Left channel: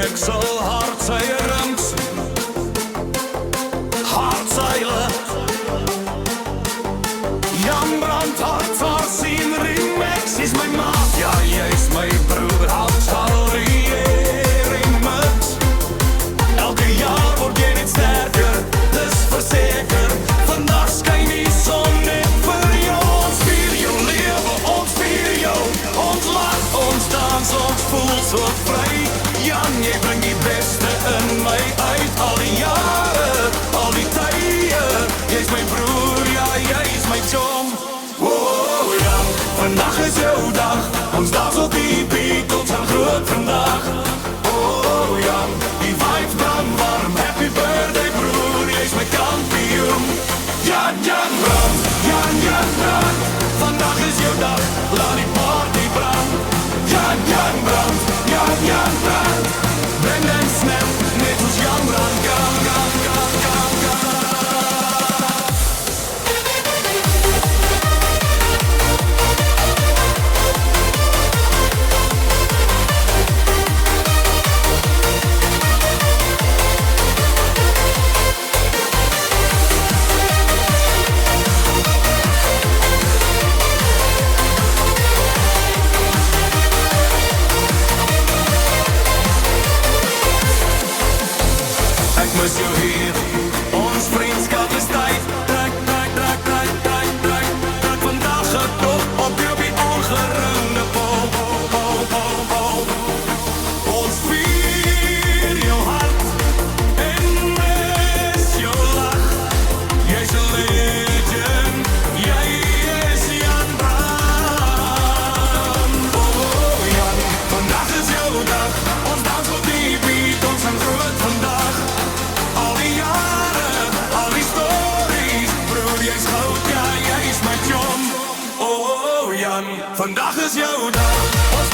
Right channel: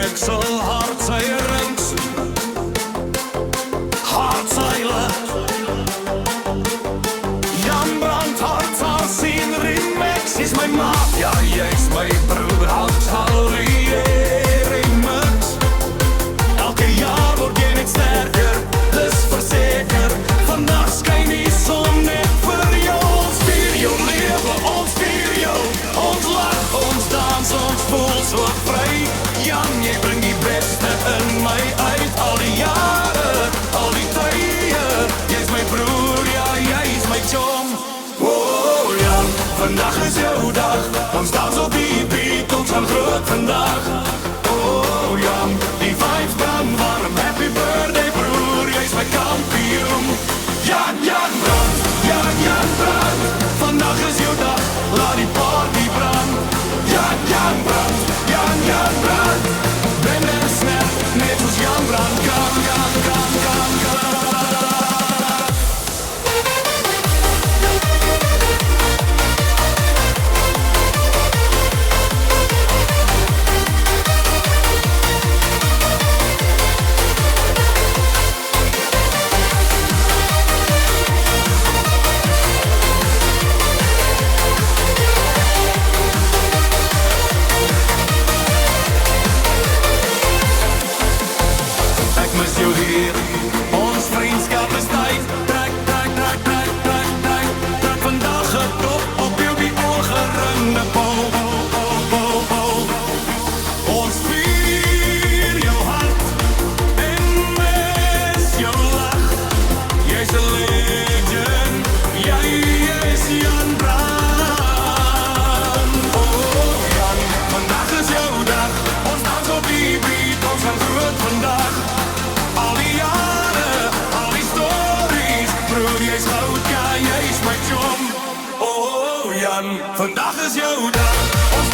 remixel, hartseierings, hartseile. Jan Brand, hartsaar zien remix is mijn maat. Ja, jy is my broer, hartsalieer remix. Elke jaar word jy net sterker, dis verseker. Vandag skyn die son net vir jou. Ons vier jou lewe, ons vier jou. Ons lach, ons dans, ons voel so vry. Jan, jy bring die beste in my uit. Al die jare, al die tye. Jy is my broer, ja, jy is my chom. Oh Jan, vandag is jou dag. Ons dans op die beat, ons gaan groot vandag. Oh Jan, die vibes brand warm. Happy birthday broer, jy is my kampioen. Jan Brand, Jan Brand. Vandag is jou dag, laat die party brand. Jan Brand, Jan Brand. Bend en snap, net als Jan Brand kan. Ek mis jou hier, ons vriendskap is tyd. Trek vandag het op jou die ongeringde pol. Ons vier jou hart en mis jou lach. Jy's 'n legend, jy is Jan Brand. Oh Jan, vandag is jou dag. Ons dans op die beat, ons gaan groot vandag. Al die jare, al die stories. Broer, jy's goud, ja, jy's my chom. Oh Jan, vandag is jou dag. Ons